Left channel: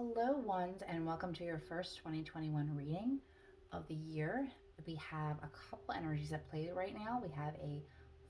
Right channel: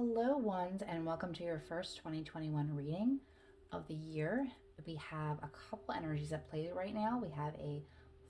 Hello, ones, and welcome to your first 2021 reading of the year. We have a couple energies at play right now. We have a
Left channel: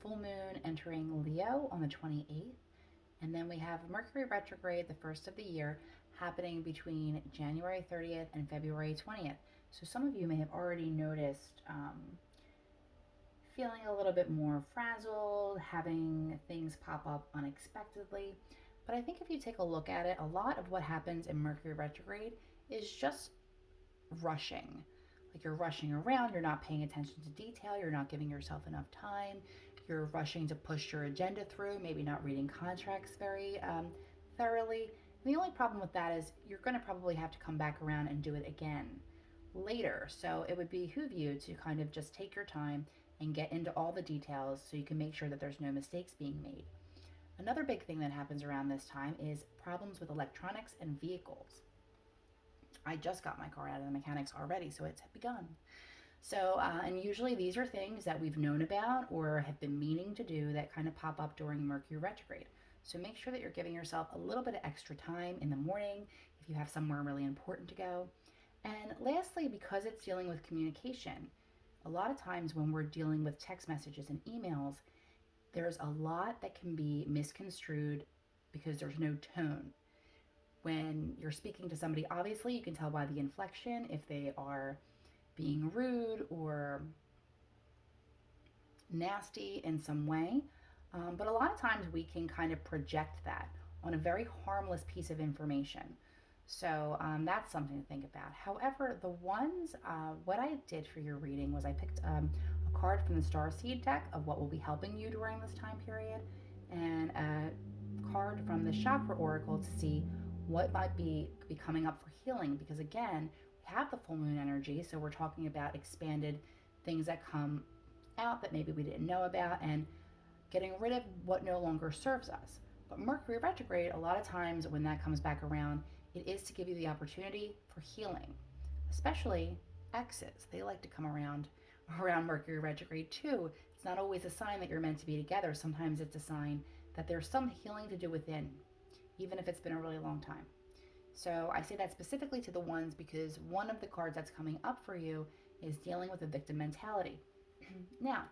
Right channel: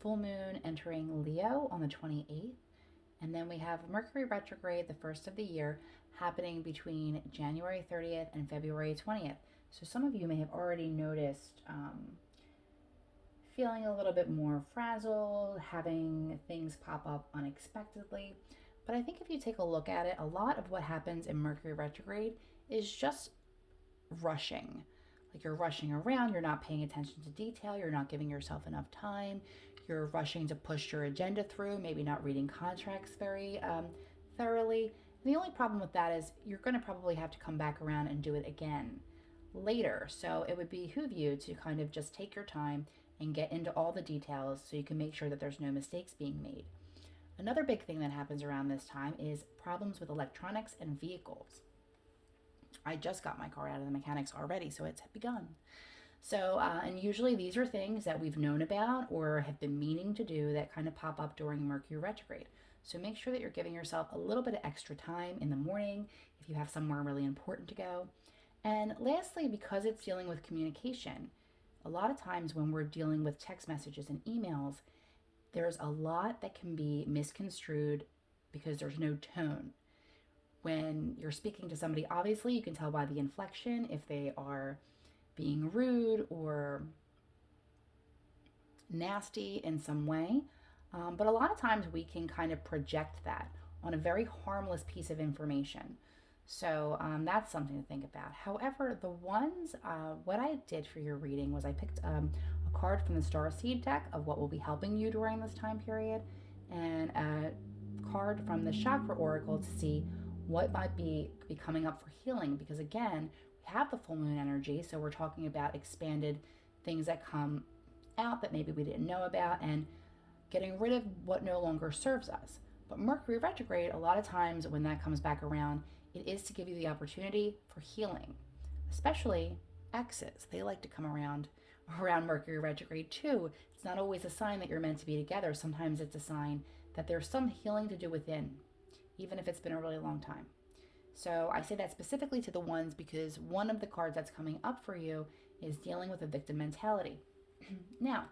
full moon entering Leo on the 28th, and then we have Mercury Retrograde, the first of the year, happening between January 30th and February 20th. So some of you may have already noticed feeling a little bit more frazzled, having things pop up unexpectedly. But I think if you take a look at it, a lot of what happens in Mercury retrograde is just rushing. Like you're rushing around, you're not paying attention to detail, you're not giving yourself enough time, you're rushing to push your agenda through, maybe not reading contracts very thoroughly. And the only problem with that is you're going to probably have to come back around and do it again later. So it would behoove you to kind of just take your time and get into all the details so you can make sure that there's no mistakes being made. Another big thing that happens around this time is problems with electronics and vehicles. I just got my car out of the mechanics already, so it's begun. So, and usually these are things that we've known about or have been meaning to do that kind of pop up during Mercury retrograde. So make sure that you're giving yourself a little bit of extra time in the morning if you have somewhere really important to go. And lastly, because it's dealing with communication, a lot of times when we're dealing with text messages and emails, there's a lot that can be misconstrued because there's no tone. When you're speaking to somebody, obviously you can tell by the inflection if they are being rude or nasty in some way. But a lot of times we can kind of project that on a very harmless piece of information. So that's something to think about. However, what I did for your reading was I picked a card from the Star Seed deck of what will be helping you during this time period, and a card from the Chakra Oracle to see what might be coming up for healing. Because again, we have the full moon energy, so we're talking about expanded things that come out that maybe we didn't know about, and getting rid of what no longer serves us. But Mercury retrograde, a lot of times when that comes back around, it is to give you the opportunity for healing, especially exes. They like to come around Mercury retrograde too. It's not always a sign that you're meant to be together. Sometimes it's a sign that there's some healing to do within, even if it's been a really long time. So I say that specifically to the ones because one of the cards that's coming up for you is dealing with a victim mentality. Now,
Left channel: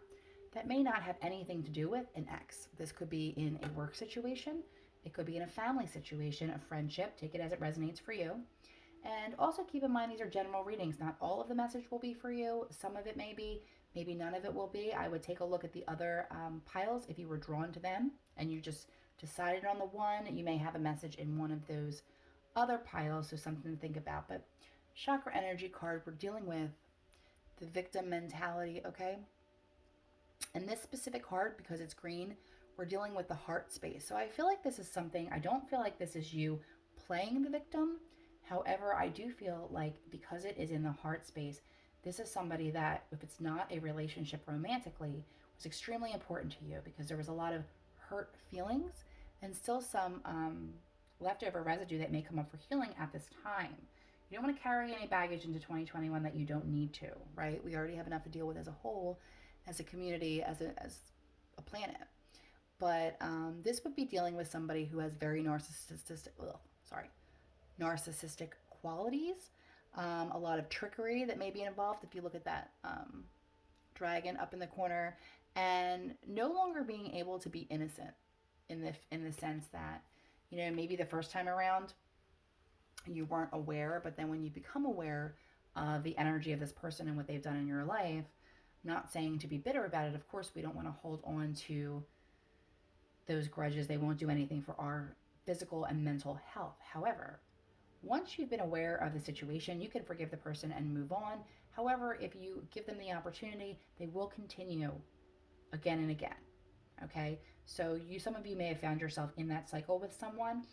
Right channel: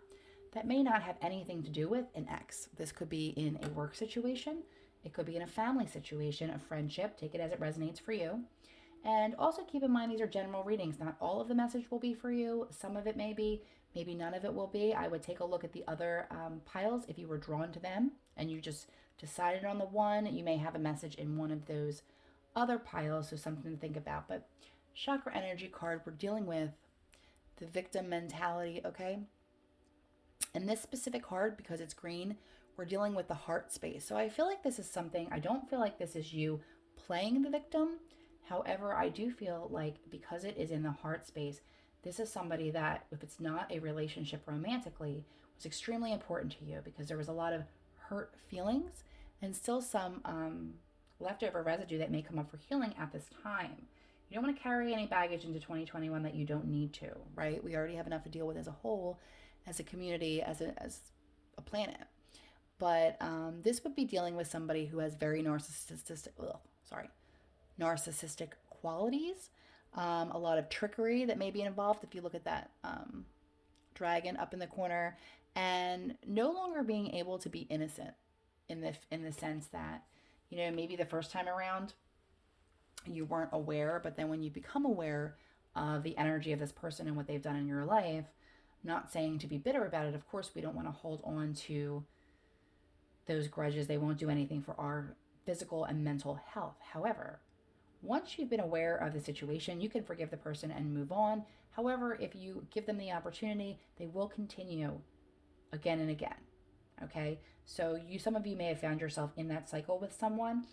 that may not have anything to do with an ex. This could be in a work situation. It could be in a family situation, a friendship. Take it as it resonates for you. And also keep in mind these are general readings. Not all of the message will be for you. Some of it may be, maybe none of it will be. I would take a look at the other piles if you were drawn to them and you just decided on the one. You may have a message in one of those other piles, so something to think about. But chakra energy card, we're dealing with the victim mentality, okay? And this specific card, because it's green, we're dealing with the heart space. So I feel like this is something, I don't feel like this is you playing the victim. However, I do feel like because it is in the heart space, this is somebody that, if it's not a relationship romantically, was extremely important to you because there was a lot of hurt feelings and still some leftover residue that may come up for healing at this time. You don't want to carry any baggage into 2021 that you don't need to, right? We already have enough to deal with as a whole, as a community, as a planet. But this would be dealing with somebody who has very narcissistic qualities, a lot of trickery that may be involved if you look at that dragon up in the corner, and no longer being able to be innocent in the sense that, you know, maybe the first time around you weren't aware, but then when you become aware of the energy of this person and what they've done in your life, not saying to be bitter about it, of course we don't want to hold on to those grudges. They won't do anything for our physical and mental health. However, once you've been aware of the situation, you can forgive the person and move on. However, if you give them the opportunity, they will continue again and again. Okay? So some of you may have found yourself in that cycle with someone.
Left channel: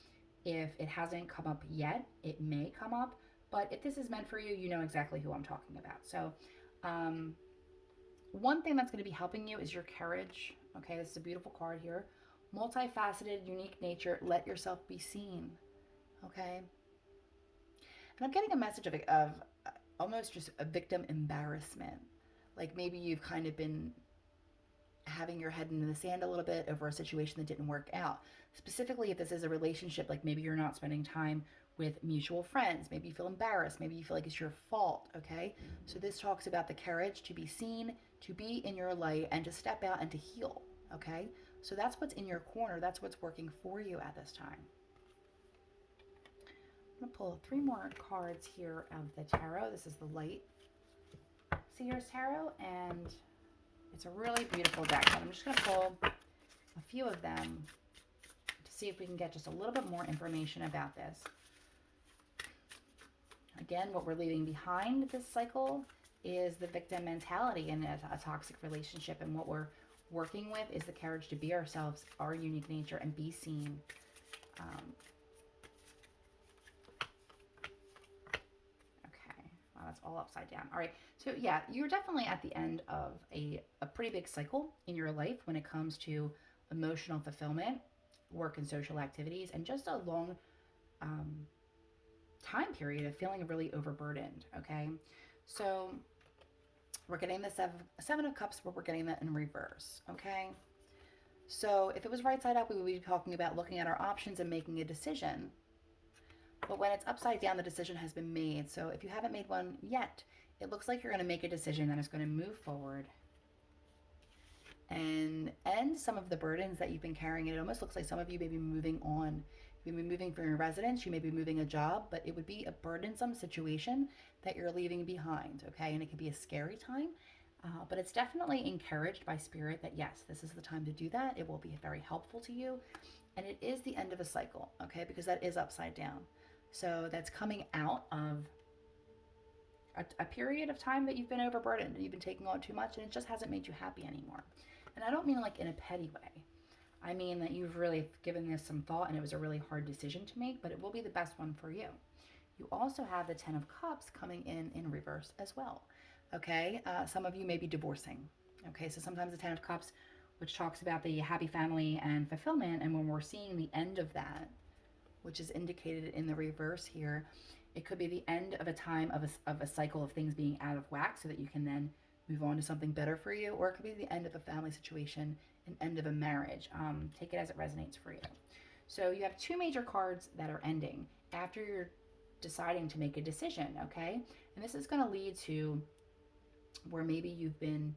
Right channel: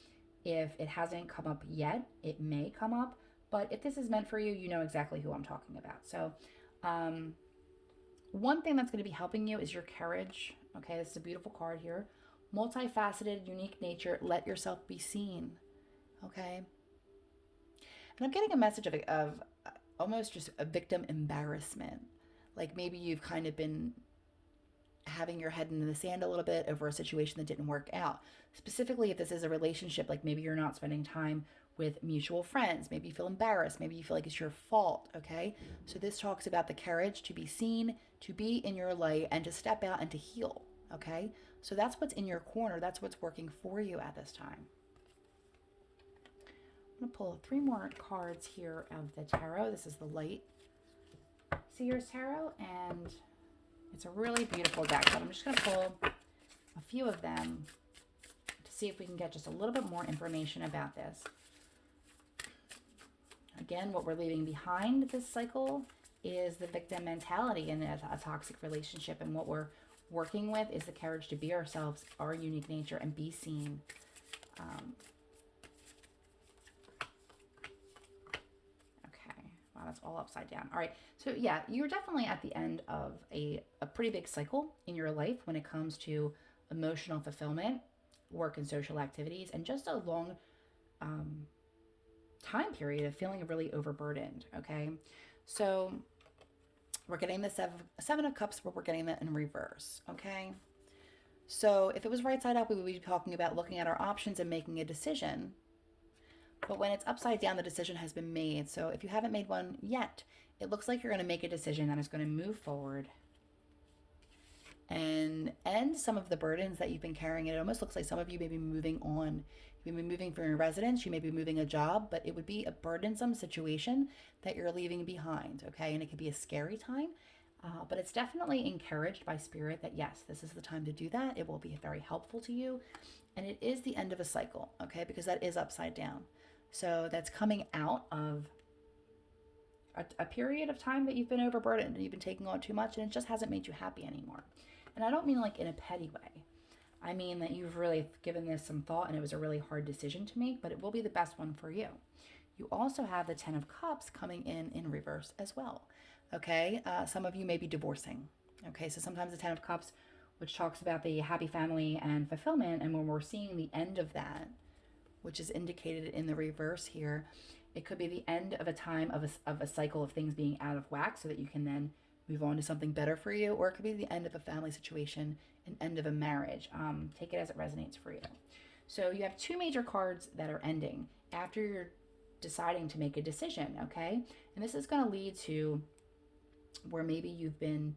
If it hasn't come up yet, it may come up. But if this is meant for you, you know exactly who I'm talking about. So one thing that's going to be helping you is your courage. Okay, this is a beautiful card here. Multifaceted, unique nature. Let yourself be seen. Okay? And I'm getting a message of almost just a victim embarrassment. Like maybe you've kind of been having your head in the sand a little bit over a situation that didn't work out. Specifically, if this is a relationship, like maybe you're not spending time with mutual friends, maybe you feel embarrassed, maybe you feel like it's your fault, okay? So this talks about the courage to be seen, to be in your light, and to step out and to heal, okay? So that's what's in your corner. That's what's working for you at this time. I'm going to pull 3 more cards here of the tarot. This is the Light Seers Tarot, and it's a really beautiful deck. But I'm just going to pull a few of them to see if we can get just a little bit more information about this. Again, what we're leaving behind this cycle is the victim mentality in a toxic relationship, and what we're working with is the courage to be ourselves, our unique nature, and be seen. That's all upside down. All right. So yeah, you're definitely at the end of a pretty big cycle in your life when it comes to emotional fulfillment, work and social activities, and just a long time period of feeling really overburdened. Okay. So we're getting the seven of Cups, but we're getting that in reverse. Okay. So if it was right side up, we would be talking about looking at our options and making a decision. But when it's upside down, the decision has been made. So if you haven't made one yet, it looks like you're going to make a decision that is going to move forward and end some of the burdens that you've been carrying. It almost looks like some of you may be moving on. You may be moving from your residence, you may be moving a job, but it would be a burdensome situation that you're leaving behind, okay? And it could be a scary time, but it's definitely encouraged by Spirit that yes, this is the time to do that. It will be very helpful to you. And it is the end of a cycle, okay? Because that is upside down. So that's coming out of a period of time that you've been overburdened and you've been taking on too much, and it just hasn't made you happy anymore. And I don't mean like in a petty way. I mean that you've really given this some thought and it was a really hard decision to make, but it will be the best one for you. You also have the 10 of Cups coming in reverse as well. Okay, some of you may be divorcing. Okay, so sometimes the 10 of Cups, which talks about the happy family and fulfillment, and when we're seeing the end of that, which is indicated in the reverse here, it could be the end of a time of a cycle of things being out of whack so that you can then move on to something better for you, or it could be the end of a family situation, an end of a marriage. Take it as it resonates for you. So you have 2 major cards that are ending after you're deciding to make a decision, okay? And this is going to lead to where maybe you've been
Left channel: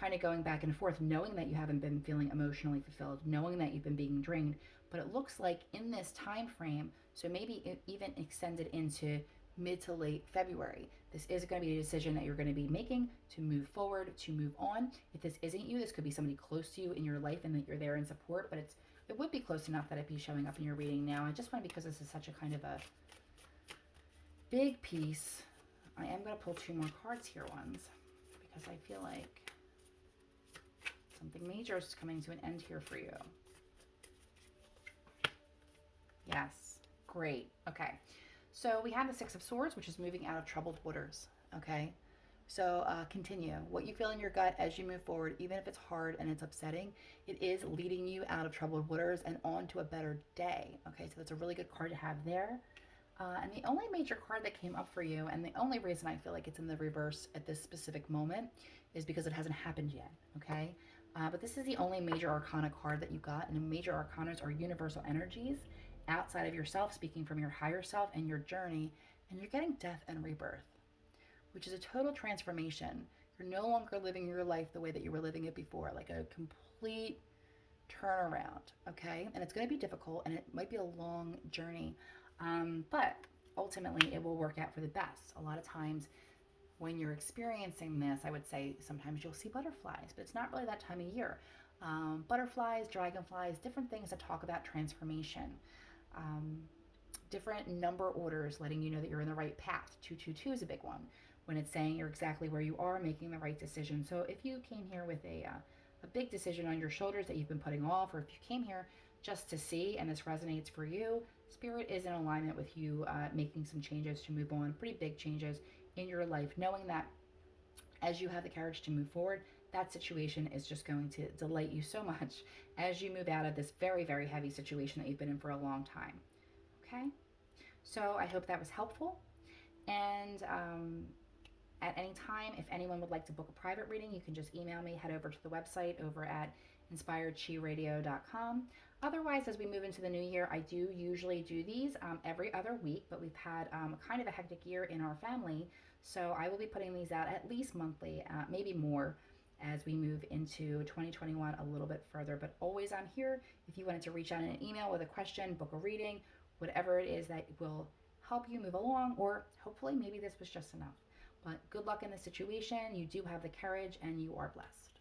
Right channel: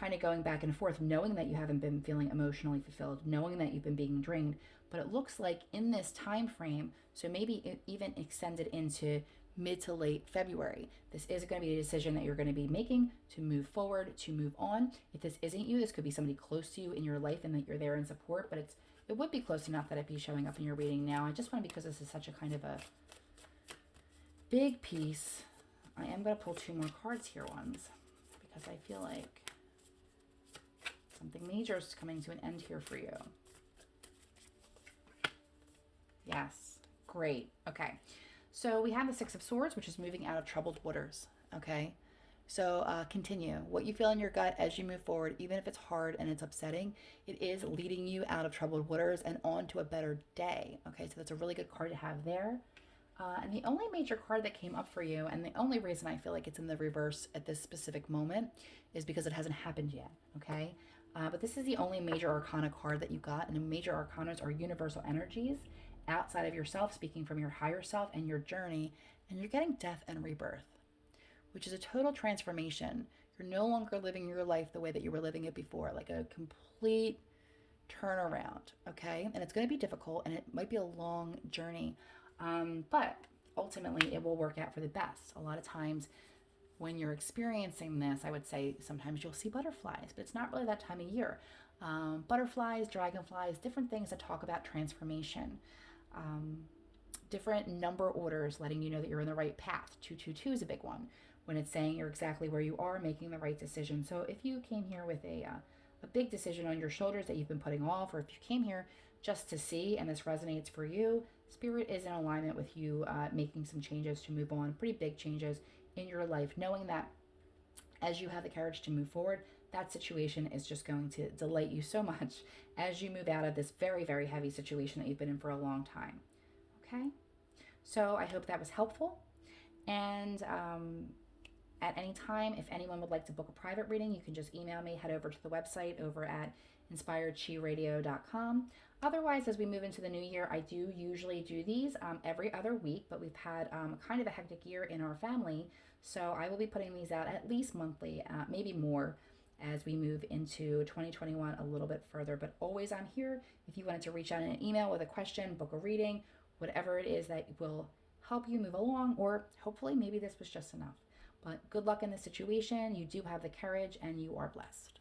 kind of going back and forth, knowing that you haven't been feeling emotionally fulfilled, knowing that you've been being drained. But it looks like in this time frame, so maybe it even extended into mid to late February, this is going to be a decision that you're going to be making to move forward, to move on. If this isn't you, this could be somebody close to you in your life and that you're there in support, but it would be close enough that it'd be showing up in your reading now. I just want to, because this is such a kind of a big piece, I am going to pull 2 more cards here, ones, because I feel like something major is coming to an end here for you. Yes, great. Okay, so we have the 6 of Swords, which is moving out of troubled waters. Okay, so continue. What you feel in your gut as you move forward, even if it's hard and it's upsetting, it is leading you out of troubled waters and on to a better day. Okay, so that's a really good card to have there. And the only major card that came up for you, and the only reason I feel like it's in the reverse at this specific moment, is because it hasn't happened yet. Okay, but this is the only major arcana card that you got, and the major arcanas are universal energies outside of yourself, speaking from your higher self and your journey, and you're getting death and rebirth, which is a total transformation. You're no longer living your life the way that you were living it before, like a complete turnaround, okay? And it's going to be difficult, and it might be a long journey, but ultimately it will work out for the best. A lot of times when you're experiencing this, I would say sometimes you'll see butterflies, but it's not really that time of year. Butterflies, dragonflies, different things that talk about transformation. Different number orders letting you know that you're in the right path. 222 is a big one when it's saying you're exactly where you are, making the right decision. So if you came here with a big decision on your shoulders that you've been putting off, or if you came here just to see and this resonates for you, Spirit is in alignment with you making some changes to move on, pretty big changes in your life, knowing that as you have the courage to move forward, that situation is just going to delight you so much as you move out of this very, very heavy situation that you've been in for a long time. Okay? So I hope that was helpful. And At any time, if anyone would like to book a private reading, you can just email me, head over to the website over at inspiredchiradio.com. Otherwise, as we move into the new year, I do usually do these every other week, but we've had kind of a hectic year in our family, so I will be putting these out at least monthly, maybe more, as we move into 2021 a little bit further. But always, I'm here if you wanted to reach out in an email with a question, book a reading, whatever it is that will help you move along, or hopefully maybe this was just enough. But good luck in the situation. You do have the courage and you are blessed.